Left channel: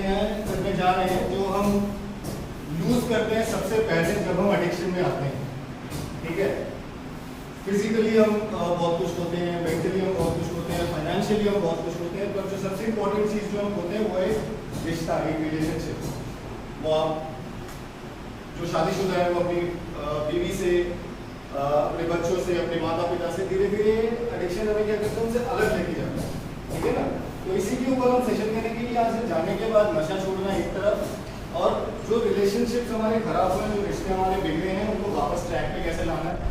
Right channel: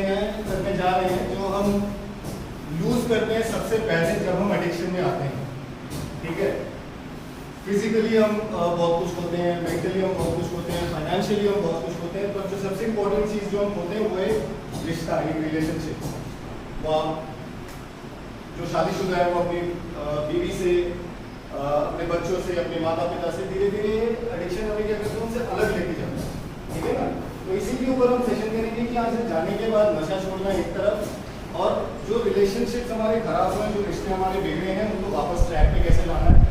करने जा रहे हैं जो हम यूज करते हैं सबसे पहले जब हम एडिक्शन में आते हैं। ठीक है, फिजिकली हम बहुत कुछ होते हैं, मेंटली हम बहुत कुछ होते हैं, फाइनेंशियली हम बहुत कुछ होते हैं, पर जो सबसे इंपॉर्टेंट चीज़ जो हम होते हैं वो है रिश्ता, एक रिलेशनशिप। वो आप जो शादीशुदा है वो अपनी बीवी से, अपने बच्चों से, अपने माता पिता से धीरे धीरे एडिक्शन हमें क्या करते हैं उनसे अलग लेके जाता है। ठीक है ना, तो इसी के ऊपर हम सेशन करेंगे कि यहाँ से जाने के बाद नशा छोड़ना एक तरफ, और जो रिलेशनशिप हमारे खराब हुए, जो रिश्ते हमारे बिगड़े हैं उनको वापस ट्रैक पे कैसे लाना है।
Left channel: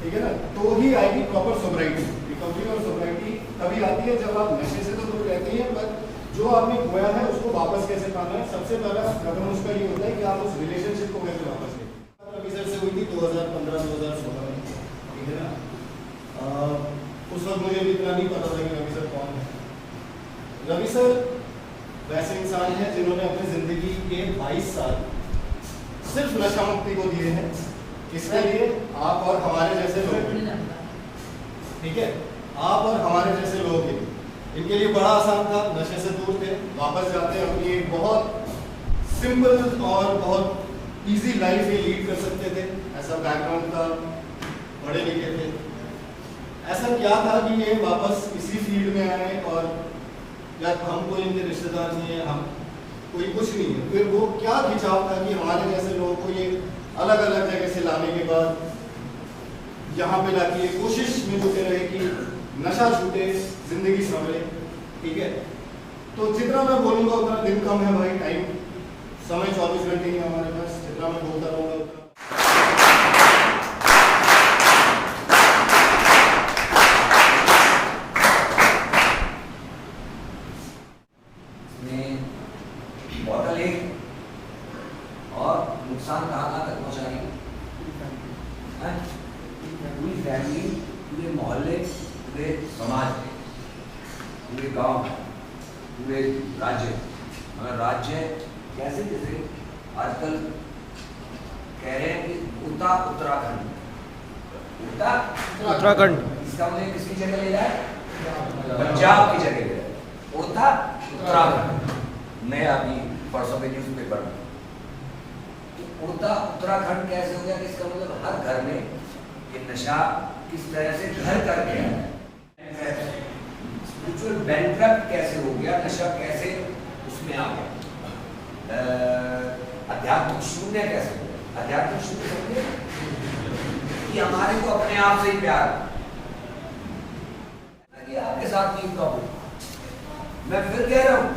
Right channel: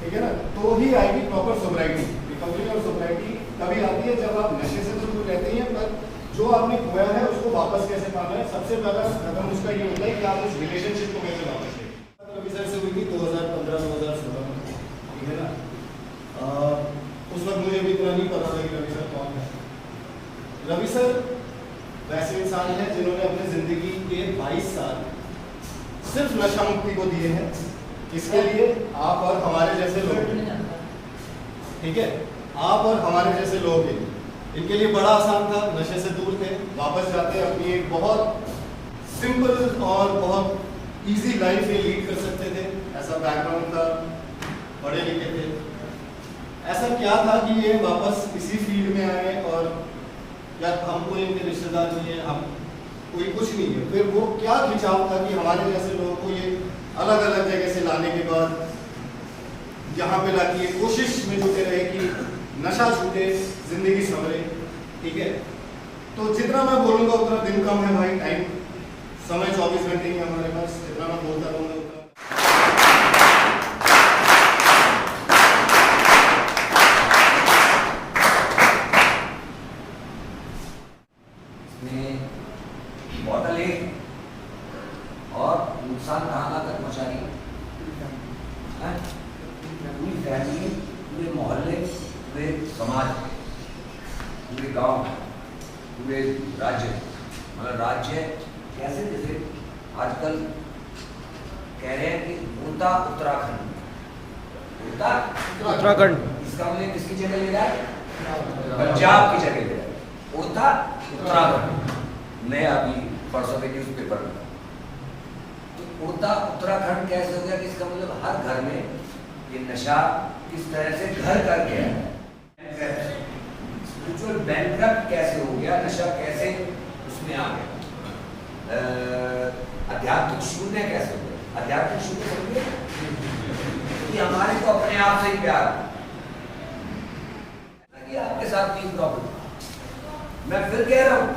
ठीक है ना, तो ही आएगी प्रॉपर सोब्राइटी। रिकवरी और सोब्राइटी तभी आती है जब आप नशे से तो दूर रहते हैं, पर जो आपने खोया है उसको वापस कैसे पाना है। सबसे पहला कदम उसका ये होता है कि आप उस रिलेशनशिप को कैसे वापस लें। रवि सर से हुई थी 2015-2016 में। ठीक है ना, उस वक्त मुझे भी इतना नहीं पता था कि रवि सर कौन है। रवि सर वैसे इंसान हैं जिन्होंने अपनी जिंदगी के 22 साल सिर्फ नशा मुक्ति को दिए हैं। इसके लिए आप और हमारे जैसे लोग, ठीक है, आप और हमारे जैसे लोग हैं, इनके लिए बड़ा आसान था, नशे से दूर थे, वापस जाते अपनी एक बहुत सिंपल और बहुत इजी लाइफ ये लीड कर सकते थे। ऐसा बैकग्राउंड था, पढ़े लिखे थे। ऐसा क्या था कि ये वापस इसी फील्ड में आए, और या हम कोई इनके रिश्तेदार नहीं है, हम कोई कुछ नहीं है, फिर वो क्या खिंचाव था कि हमारे जैसे लोगों को ये अलग अलग जगह से लाने के बाद यहाँ पे लाके ये कोशिश में जुटे रहे कि नशा छूटे, जिंदगी संभले। ठीक है, तो जितना मैं बोलूँगा उतना दिन कम है भाई, टाइम समय 24 घंटे ही हमारे पास, जितना मैं बोलता रहूँगा उतना। बॉटल एक और नुकसान कहाँ तक पहुँचा रही है? पूरी फैमिली, पूरे मोहल्ले, पूरे समाज, पूरे गांव, पूरे राज्य, मतलब राज्य कैसे, जैसे आजकल कह रहे हैं कि उत्तराखंड, उत्तराखंड इसका मतलब किसकी जगह ले रहा है? पंजाब की जगह ले रहा है। उत्तराखंड मैं अभी परसों के न्यूज पेपर में, तो उत्तराखंड कैसे हो गया कि इसका मतलब हर घर में ये नशा किस तरह से घर कर गया है। स्पिरिचुअल बैंकरप्ट कैसे हो गया, नशा कैसे उसमें आ गया, आध्यात्मिक शून्य कैसे हो गया। आध्यात्मिक शून्य समझे कि हमारे को अपने आप से ही प्यार कि आपके साथ नहीं प्रॉब्लम। मैं फिर कह रहा हूँ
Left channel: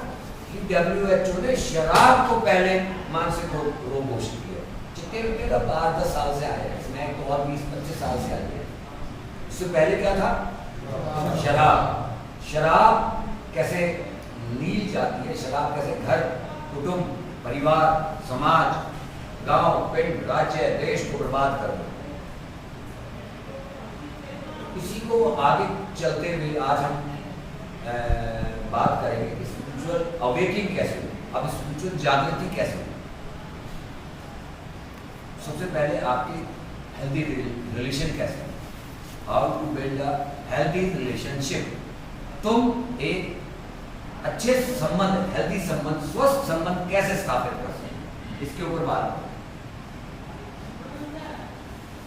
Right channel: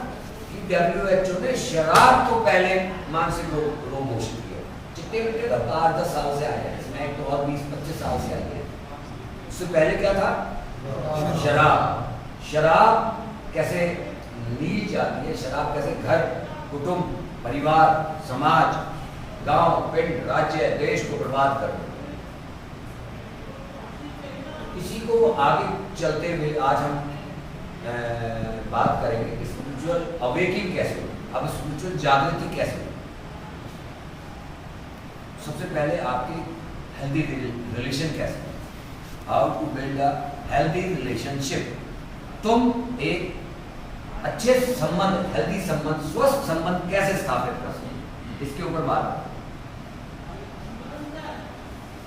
कि WHO ने शराब को पहले मानसिक रोग घोषित किया। जितने लोग तो 8-10 साल से आए हैं, इसमें तो और 20-25 साल से आए हैं। उससे पहले क्या था? शराब। शराब कैसे नील जाती है, शराब कैसे घर, कुटुंब, परिवार, समाज, गांव, पिंड, राज्य, देश को बर्बाद कर देती है। इसी को आगे चलते हुए आज हम बात करेंगे कि स्पिरिचुअल अवेकिंग कैसे हो, अब स्पिरिचुअल जागृति कैसे हो। सबसे पहले आपकी हेल्दी रिलेशन कैसे हो, how to build a healthy relationship. तुम एक अच्छे संबंध, हेल्दी संबंध, स्वस्थ संबंध कैसे स्थापित कर सकते, इसके ऊपर बात करें।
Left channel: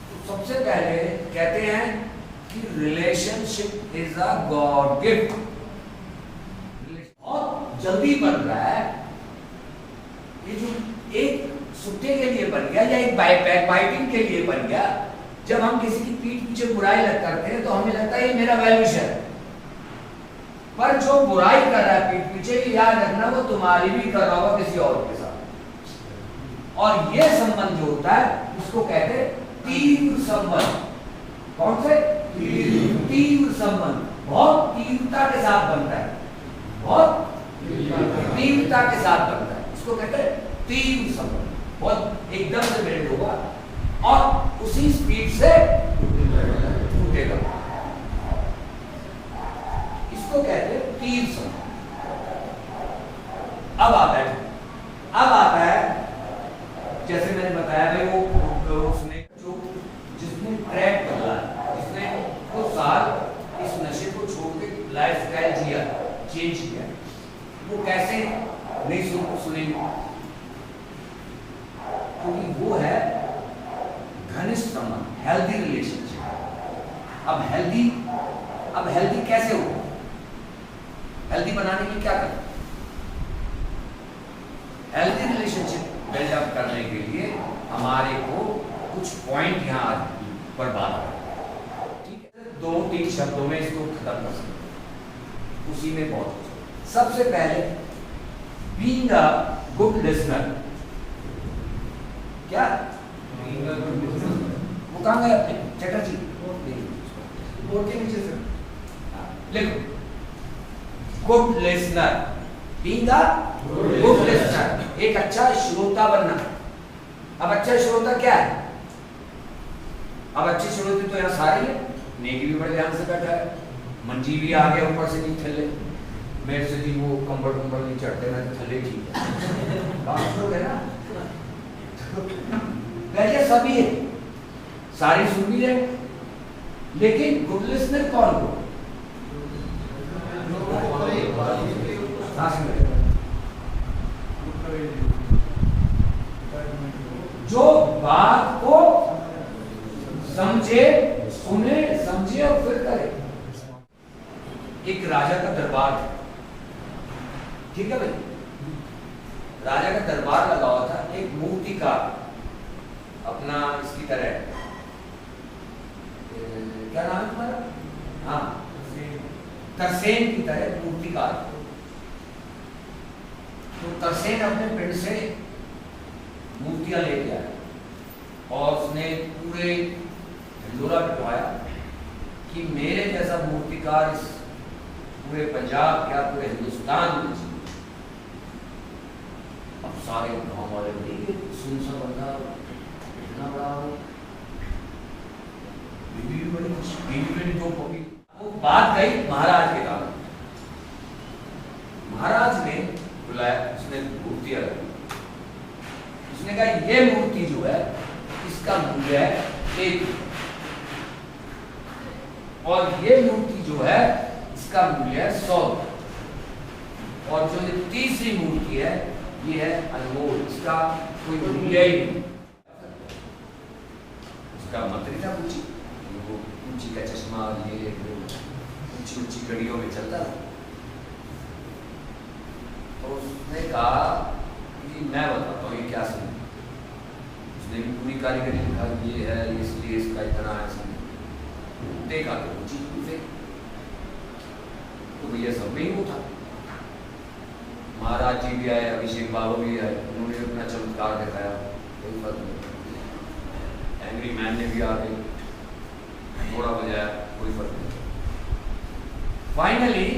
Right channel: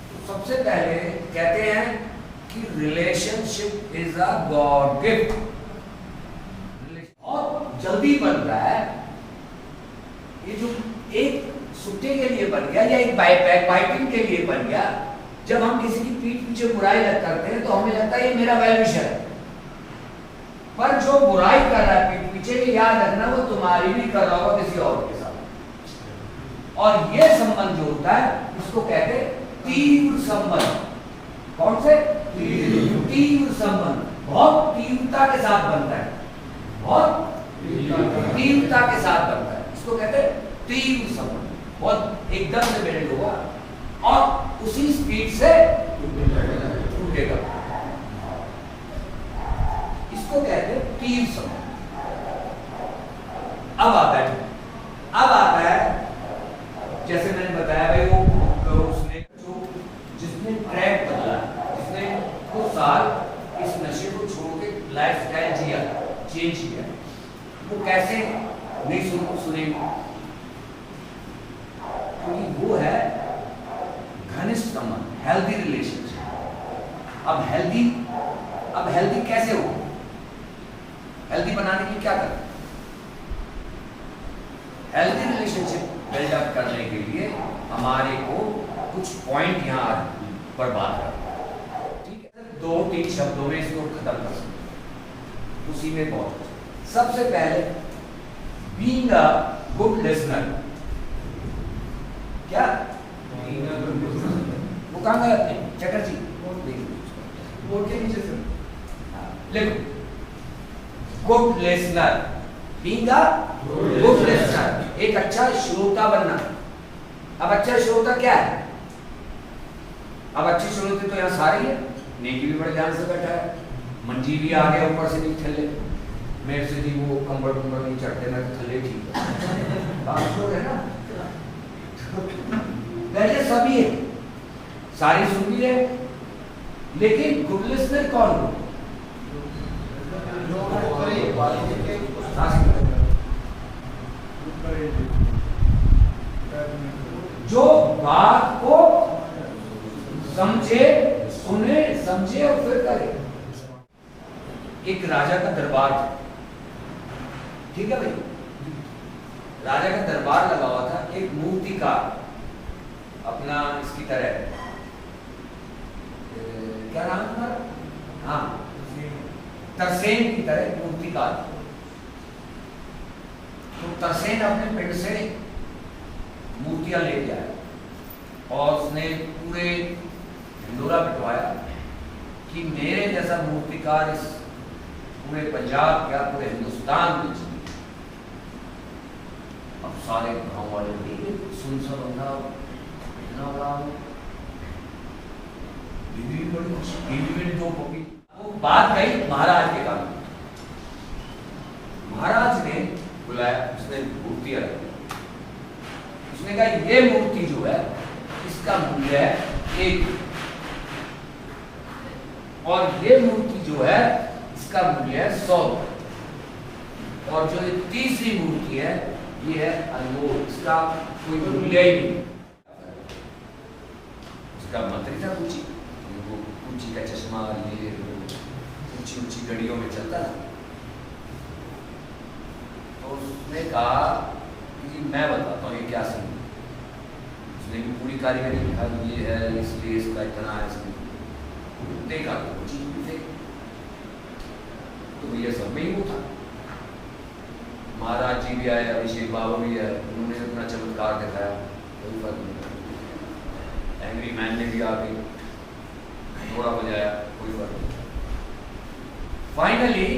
तो सबसे पहले कहते हैं कि relationship is a God gift. बहुत जल्दी बन रहा है, ये जो एक सुट्टे के लिए बन गया या एक बाइटिंग के लिए बन गया। जब हम किसी की पीठ पीछे बुराई करते हैं तो हमें लगता है ये मेरा वेल विशर है, पर जो बुराई कर रहा है पीठ पीछे, ये याद रखना वो तुम्हारी भी कर रहा होगा किसी और के साथ। और ये संबंध जो होता है उसको कहते हैं तीव्र संबंध। कौन से? तीव्र संबंध। बहुत तीव्रता के साथ बनता है, बहुत तीव्रता के साथ बनता है, इसको कहते हैं तीव्र संबंध। बहुत एकदम से बिल्ड होगा और उसी स्पीड से टूटेगा, इसको कहते हैं तीव्र संबंध। अब आता है जैसे मैंने बताया भाई, वो उसने जो जिसने ट्रैक बदला, जिसने कुछ साल इस नशे को छोड़ के लाइफ स्टाइल जिया, चेंज किया, वो कैसे नई वो है घनिष्ठ संबंध, हेल्दी रिलेशनशिप। अब हेल्दी कैसे हो? हेल्दी बनाने के लिए क्या करें? हेल्दी रिलेशनशिप बिल्डअप करने के लिए हमारे को कुछ पॉइंट यहाँ पर बात करें, ठीक है? 2-3 शब्दों में इसको खत्म कर सकते हैं, उसी में बहुत कुछ। सबसे पहले बीइंग अ गुड लिसनर। क्या वो कहाँ गए अपने चटर्जी? बोर्ड के नीचे से लिखो, good listener, being a good listener, एक अच्छा श्रोता बनना। अब अच्छा श्रोता क्या है? अब अच्छे श्रोते तो यहाँ सारे ही है। नेकी भी बड़े ध्यान से बैठा है, मंजी भी आ गया, ऊपर से नहीं थल्ले। मेरे से जी वो कंबल नहीं चढ़ते ना, थल्ले ठीक है, बात तो है ना। वैसे सभी है, सारी सुन भी रहे, लेकिन गुड लिसनर कौन हो? जो बात को समझे, सुने, समझे और फिर करे। एक राजा का दरबार था, ठीक है भाई? राजा का दरबार लगा हुआ था, एक मूर्तिकार अपना इसकी तरह, क्या नाम तुम्हारा? हाँ, तरसेन की तरह मूर्तिकार। तो तरसेन अपने पिंड से मूर्तियां लेके आया और उसने पूरे हिंदोरा पिटवाया कि मेरे जैसा मूर्तिकार इस पूरे पंजाब क्या पूरे हिंदुस्तान में चाहिए। अब सारे गांव वाले सुन सा बंदा इतना बड़ा बीवी भी बड़ी खुश, दो पपी। वो बात गई महाराज के काम। महाराज ने बुलाया, उसने मूर्तियां रखी। उसने कहा ये मूर्ति जो है इसका मूल्य है 1, और ये मूर्ति जो है इसका मूल्य है 100, और जो ये तीसरी मूर्ति है ये है अनमोल, इसका कोई मूल्य ही नहीं। उसका मंत्री था पूछी, वो पूछी का चश्मा, ये ऊंची ऊंची घड़ियों में चलता था। तो उसने कहा कि मैं बताता हूँ ये क्या सीन। उसने भी पूरी कारीगरी लिखा, ये है इसलिए इसका इतना है, इसमें देखा तो ऊंची से, तो भैया सब में ही वो था। महाराज जी भी आए, अभिषेक बाबा भी आए, उन्होंने भी अपना चमत्कार दिखाया, कोई फर्क नहीं। एंग्री मैन ने भी आके घोड़ा बजाया, कोई फर्क नहीं। फाइनली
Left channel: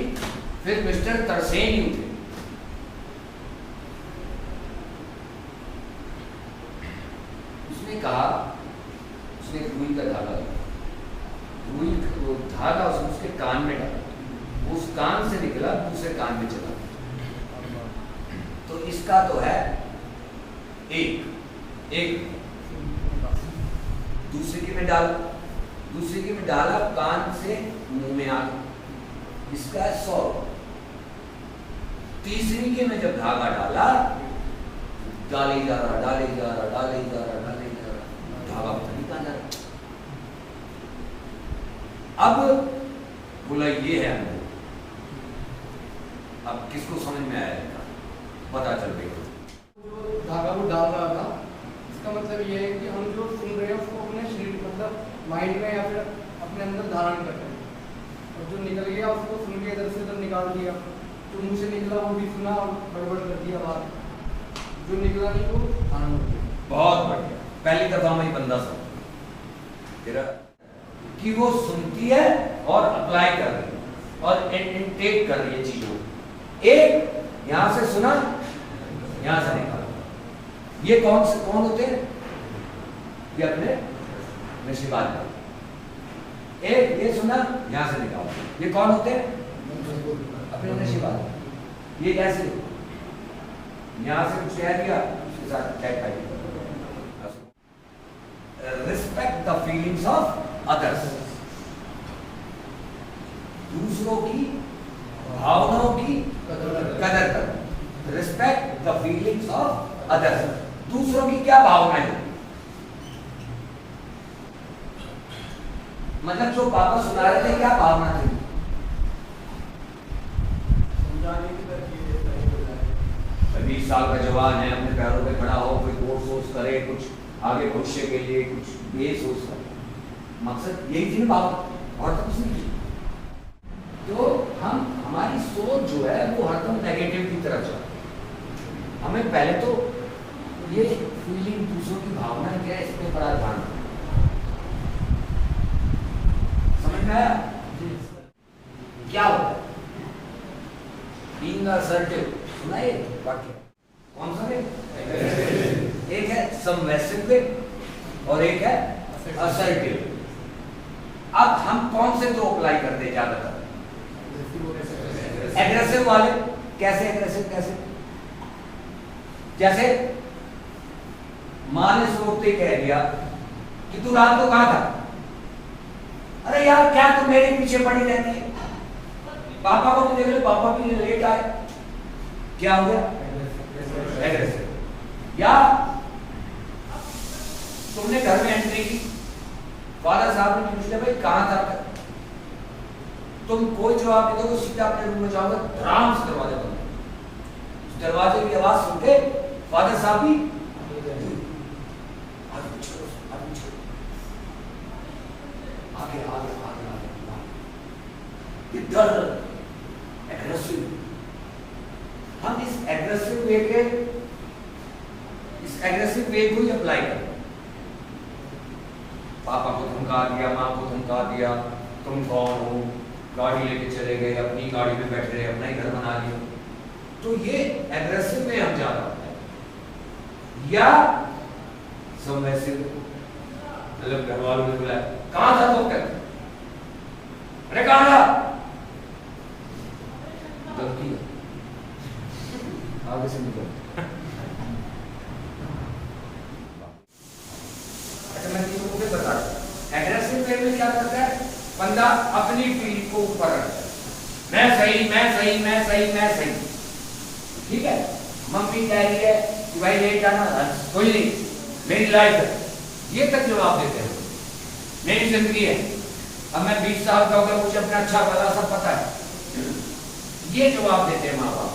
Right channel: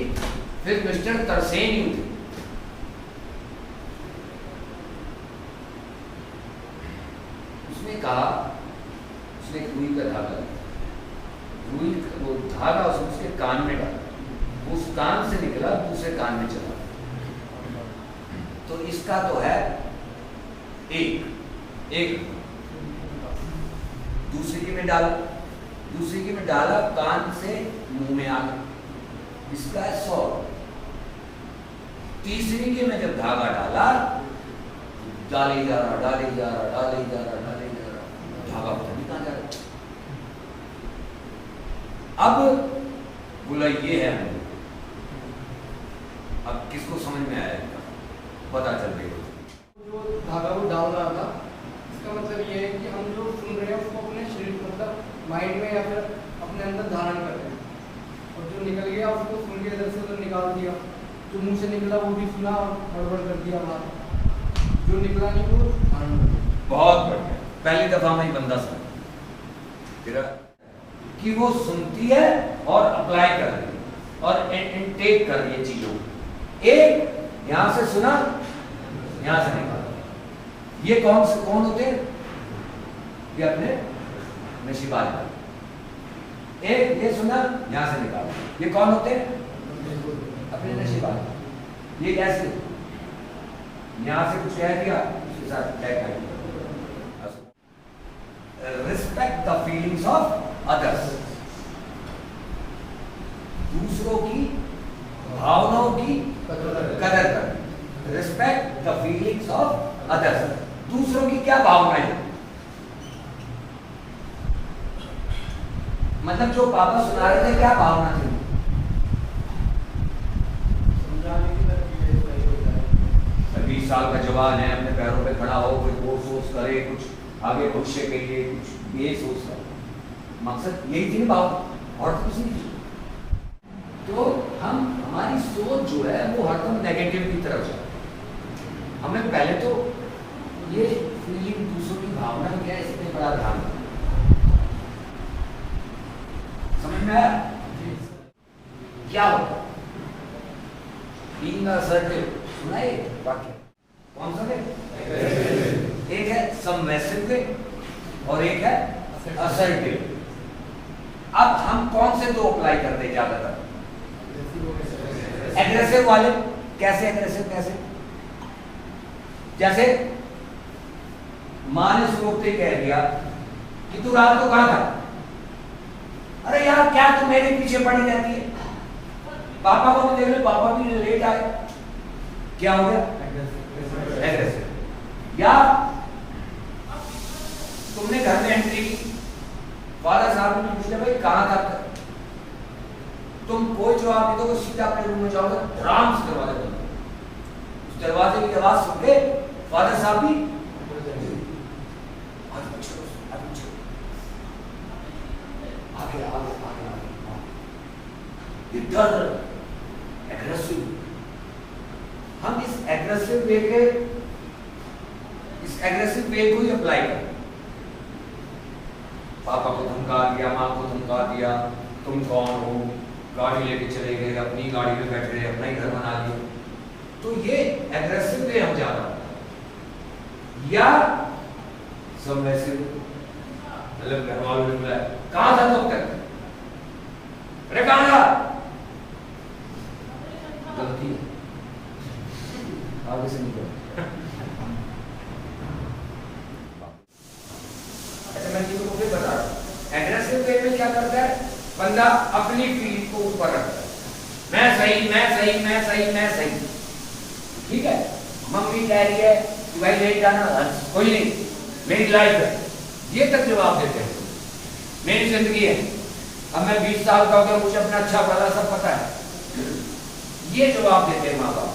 फिर मिस्टर तरसेन ही उठे। उसने कहा, उसने रुई का धागा लगा, रुई वो धागा उसके कान में डाला, उस कान से निकला दूसरे कान में चला। तो इसका तो है एक दूसरे के में डाला, दूसरे के में डाला, कान से मुंह में आ गया, इसका है 100। तीसरी के में जब धागा डाला, डाले जा रहा, धागा पता नहीं कहां जा रहा। अब बोला ये है अनुभव। अब किसको समझ में आया इनका? पता चल गई। जो धागा वो डाल रहा था, इसका मतलब ये है कि हम जो सुन रहे हैं उसको अपने शरीर मतलब माइंड में या फिर अपने अंदर धारण कर रहे हैं, और जो निकल गया उसको सुन के इधर से उधर निकाल दिया। जो मुंह से निकला वो भी सुना और गड़बड़ कर दिया बाहर, जो निकला नहीं वो धारण कर दिया। बहुत बढ़िया, पहली दफा में ही बंदा समझ कि वो सुनती है और अप्लाई कर रही है और इनटेक कर रही है चीजों। एक यहां से सुना, यहां से निकाला। ये कौन होते हैं? ये अपने नशीबात का। एक ये सुना, यहां से निकाला। ये कौन होते हैं? अपने नशीबात। ये कैसे? यहां से कुछ कह दिया, उसके साथ टैग कर दिया। Respect the feelings of others, दूसरों की भावनाओं की कदर कर। Respect the feelings of others, दूसरों की क्या भावनाएं हैं, मतलब जो पापा सुना रहे थे क्या भावना थी? समझाने की तरफ ये सही हो जाए। 20 साल का जवान है, अपने पैरों पे खड़ा हो, कोई कोर्स वोर्स करे, कुछ आगे भविष्य के लिए कुछ ये सोच करे, मकसद यही थी ना बात, और तो कुछ नहीं। तो हमारी सोच जो है वो हरदम नेगेटिव की तरफ जाए। हमें पहले तो ये फीलिंग, दूसरों की भावना क्या है, इस पे बड़ा ध्यान दें। समझ में आया? क्या होता बीइंग असर्टिव? सुना ये वाक्य? कौन सा है? एक है सबमिसिव वे और एक है असर्टिव। अब हम कौन से दो अप्लाई करते हैं ज्यादातर? एग्रेसिव वाले। कैसे एग्रेसिव? कैसे? जैसे मां ने सोचते कह दिया कि तू रात को कहां था? अरे यार क्या तू मेरे पीछे पड़ी रहती है? पापा को भी देख लो, पापा भी लेट आए, क्या हो गया? एग्रेसिव। या तुमने घर में एंट्री की, फादर साहब ने पूछ लिया भाई कहां था? तुम कोई जवाब नहीं दोगे, सीधा अपने रूम में जाओगे, आराम से दरवाजा बंद कर। उस दरवाजे की आवाज सुन के फादर साहब भी आगे आगे आगे आगे, ये डर, एग्रेसिव। हम इस एग्रेसिव वे को ही अप्लाई करें। पापा को धमका दिया, माँ को धमका दिया, तुम कौन हो, गाड़ी लेके चले गए, अपनी गाड़ी में बैठ रहे, अपना ही घर बना लिया। तो ये एग्रेसिव वे हम ज्यादा होता है। या सबमिसिव, मतलब घर वालों ने बुलाया, कहां था तब तक? अरे कहां था? गलती है, आगे से निकल। अच्छा मैं चीजों को फिर बता रहा हूं। एग्रेसिव वे में क्या करता है? बंदा अपनी फीलिंग को ऊपर रखता है, मैं सही मैं सही मैं सही मैं सही। ठीक है, मम्मी कह रही है कि भाई ले जाना, कोई नहीं, मेरी लाइफ है, ये तक जवाब देते हैं। मेरी जिंदगी है, अब मैं 20 साल का होगा, मुझे अपना अच्छा भला सब पता है, ये जवाब देते हैं माँ बाप।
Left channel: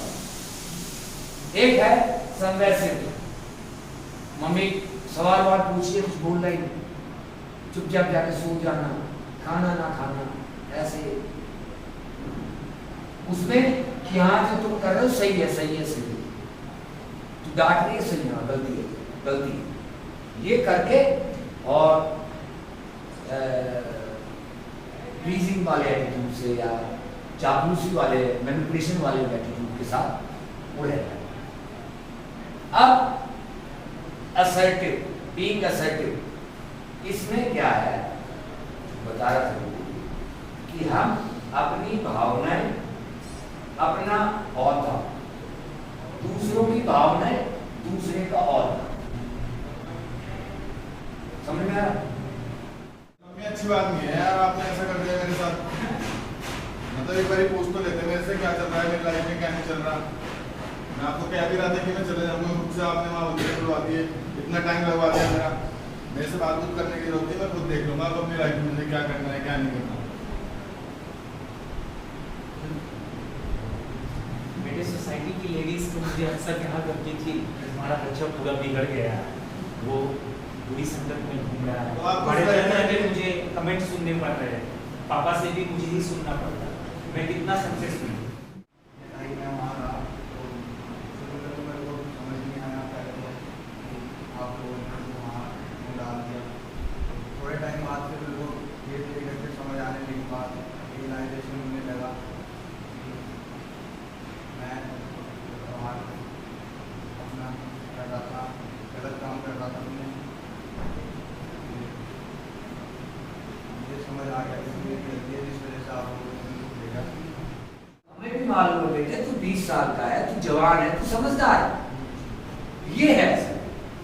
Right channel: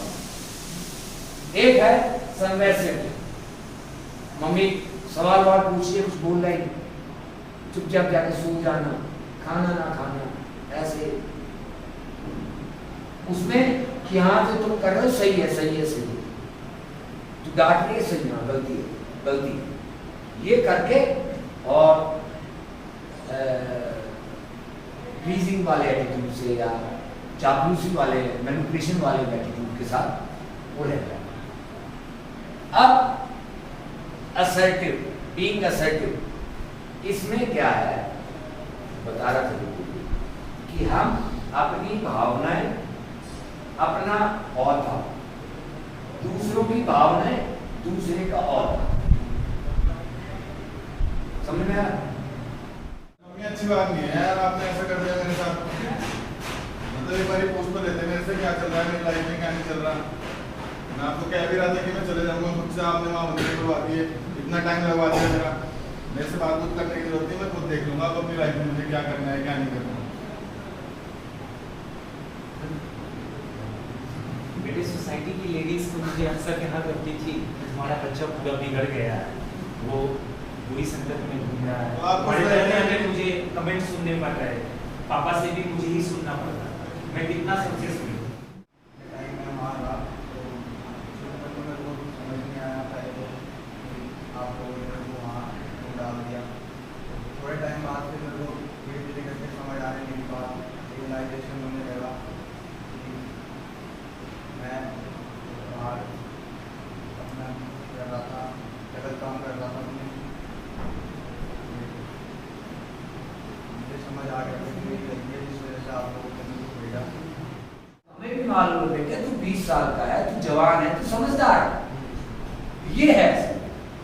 एक है सबमिसिव, मम्मी सवाल वाल पूछिए, कुछ बोल रही नहीं, चुपचाप जाके सो जाना, खाना ना खाना, ऐसे। उसमें कि हाँ जो तुम कर रहे हो सही है सही है सही है, तू डांट रही है सही है, गलती है गलती है, ये करके और प्लीजिंग वाले एटीट्यूड से या चापलूसी वाले मैनिपुलेशन वाले एटीट्यूड के साथ वो रहता है। अब असर्टिव, बीइंग असर्टिव, इसमें क्या है बता रहा था कि हम अपनी भावनाएं, अपना औहदा, दूसरों की भावनाएं दूसरे का औहदा। समझ में आया? अच्छी बात नहीं है यार, आपने ऐसा कर दिया मेरे साथ। मतलब एक बार पूछ तो लेते मेरे से क्या चल रहा है, मेरी लाइफ में क्या नहीं चल रहा। मैं आपको कह भी रहा था कि मैं चले जाऊंगा, मुझसे आपने वहाँ उल्टे करवा दिए, इतना टाइम लगवा दिया मेरा। मेरे से बात करने की जरूरत नहीं, मैं खुद देख लूंगा अब अपनी लाइफ में मुझे क्या करना है क्या नहीं करना। बेटे सोसाइटी की लेडीज तो मुझे अक्सर कहना करती थी हमारा बच्चा पूरा बिगड़ गया है, वो बुरी संगत में घूम रहा है। बड़े बड़े मुझे कमेंट सुनने पड़ रहे हैं, पापा से भी मुझे ही सुनना पड़ता है, मैं कितना सक्सेस हुई। थोड़े टाइम बाद फिर मेरे को धीरे धीरे करके समझ आने के बाद रियलाइजेशन होने लगा कि मैं बाहर अपना कर रहा था, गलत काम कर रहा था। मुझे समझ आ गया कि मेरी गलती है जिस वजह से आप लोगों ने मुझे भेजा। हमें भी मालूम है बेटे, तू 20 साल का है, तू जवान है, तू समझदार है, ये है,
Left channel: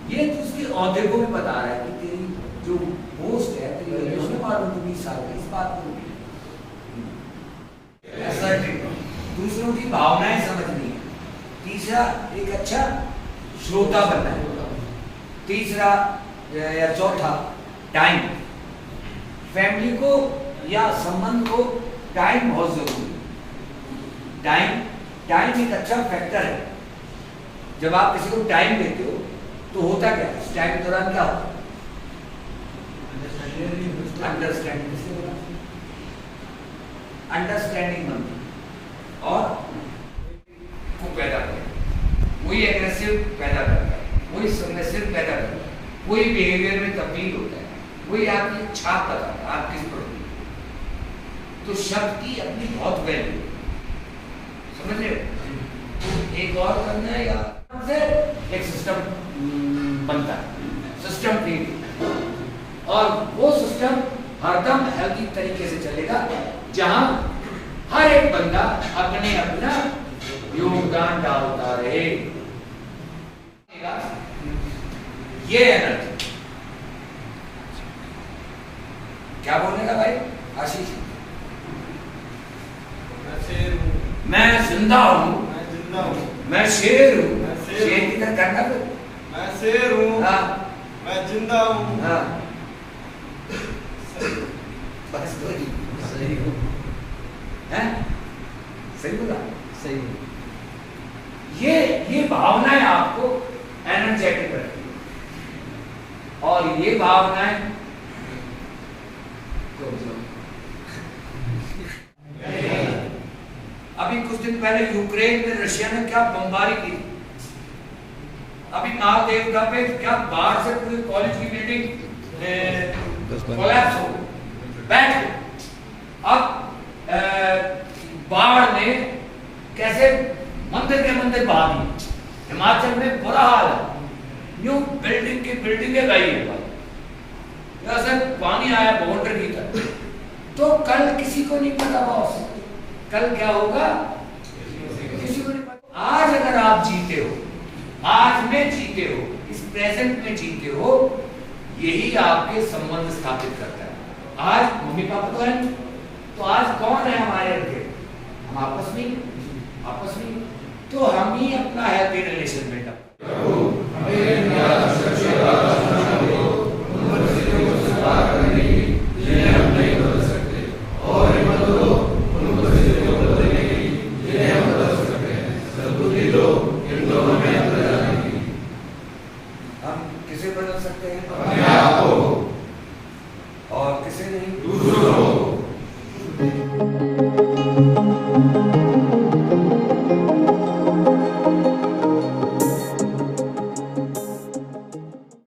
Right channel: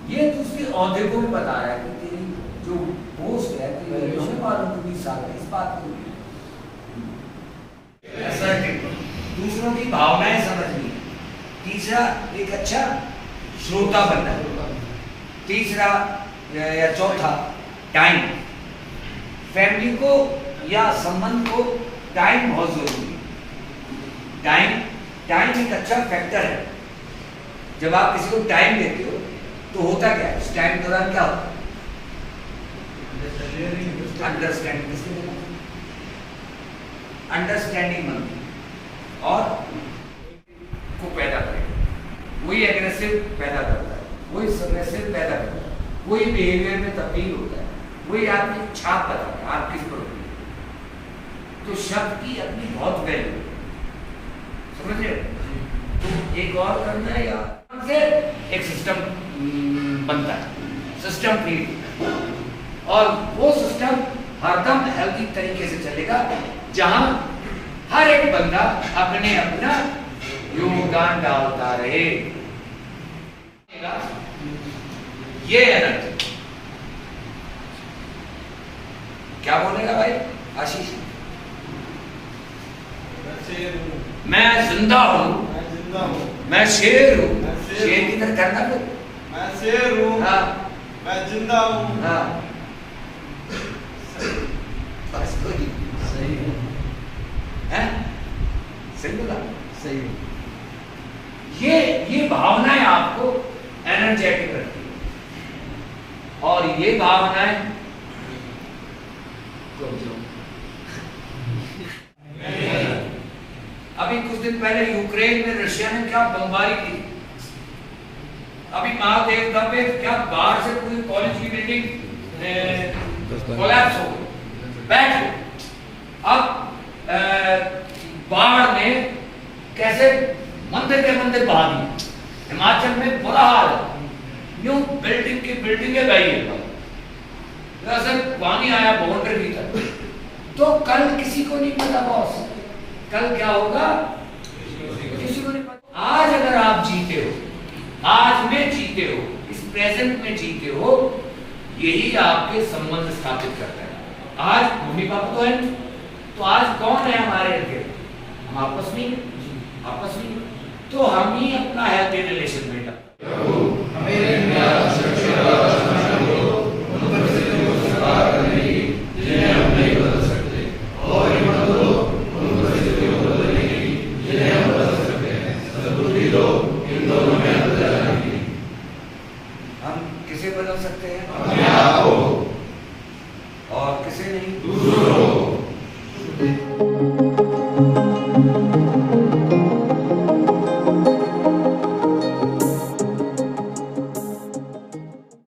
ये तो उसके औहदे को भी बता रहा है कि तेरी जो पोस्ट है तेरी हमें मालूम, तू 20 साल का, इस बात को दूसरों की भावनाएं समझनी। तीसरा एक अच्छा श्रोता बनना है। तीसरा या चौथा टाइम, फैमिली को या संबंध को टाइम बहुत जरूरी है। टाइम एक अच्छा फैक्टर है। जब आप किसी को टाइम देते हो तो होता क्या है, इस टाइम के दौरान क्या होता है? अंडरस्टैंडिंग। किससे बोला? अंडरस्टैंडिंग बनती है और को पैदा करेगा, वही एग्रेसिव पैदा करता है, वही सबमिसिव पैदा करता है, वही बिहेवियर में तब्दील होता है, वही आपकी छाप बताता है आप किस पर होती है। तो शब्द की अपनी बहुत वैल्यू, समझ रहे हो? तो एक और करना है या से एक सिस्टम बनता है, सिस्टम क्रिएट होता है, और वो सिस्टम हरदम हेल्दी तरीके से चलेगा जहां हर एक बंदा अपने अपना योगदान डालता रहे। ये एनर्जी क्या बोलेगा भाई आशीष? मैं जिंदा हूं, मैं शेर हूं। शेर की तरह करना तो मैं शेर हूं, हाँ, मैं जिंदा हूं। हाँ, सही हैं? सही बोला। सही ये भावनाएं आपको एनर्जेटिक रखती है, और ये भावनाएं अभी कुछ दिन पहले यूक्रेन में रशिया ने क्या बमबारी की, अभी महादेवता पे क्या बाहर से पूरी कॉलेज की बिल्डिंग कोलैप्स हो गई, बैठ गई। अब बाढ़ ने कैसे मंदिर के मंदिर बहा दिए। हिमाचल में बुरा हाल है, न्यू बिल्डिंग की बिल्डिंगें गई है भाई, जैसे पानी आया बाउंड्री की तरफ। तो कल किसी को नहीं पता बॉस, कल क्या होगा किसी को नहीं पता। आज अगर आप जीते हो, आज में जीते हो, इस प्रेजेंट में जीते हो, यही आपके संबंध स्थापित करता है। आज मम्मी पापा तो है, तो आज कौन है हमारे इर्द? हम आपस में तो हम ही अपना हेल्थी रिलेशन में हम किसे बदल सकते हैं? और किसे नहीं?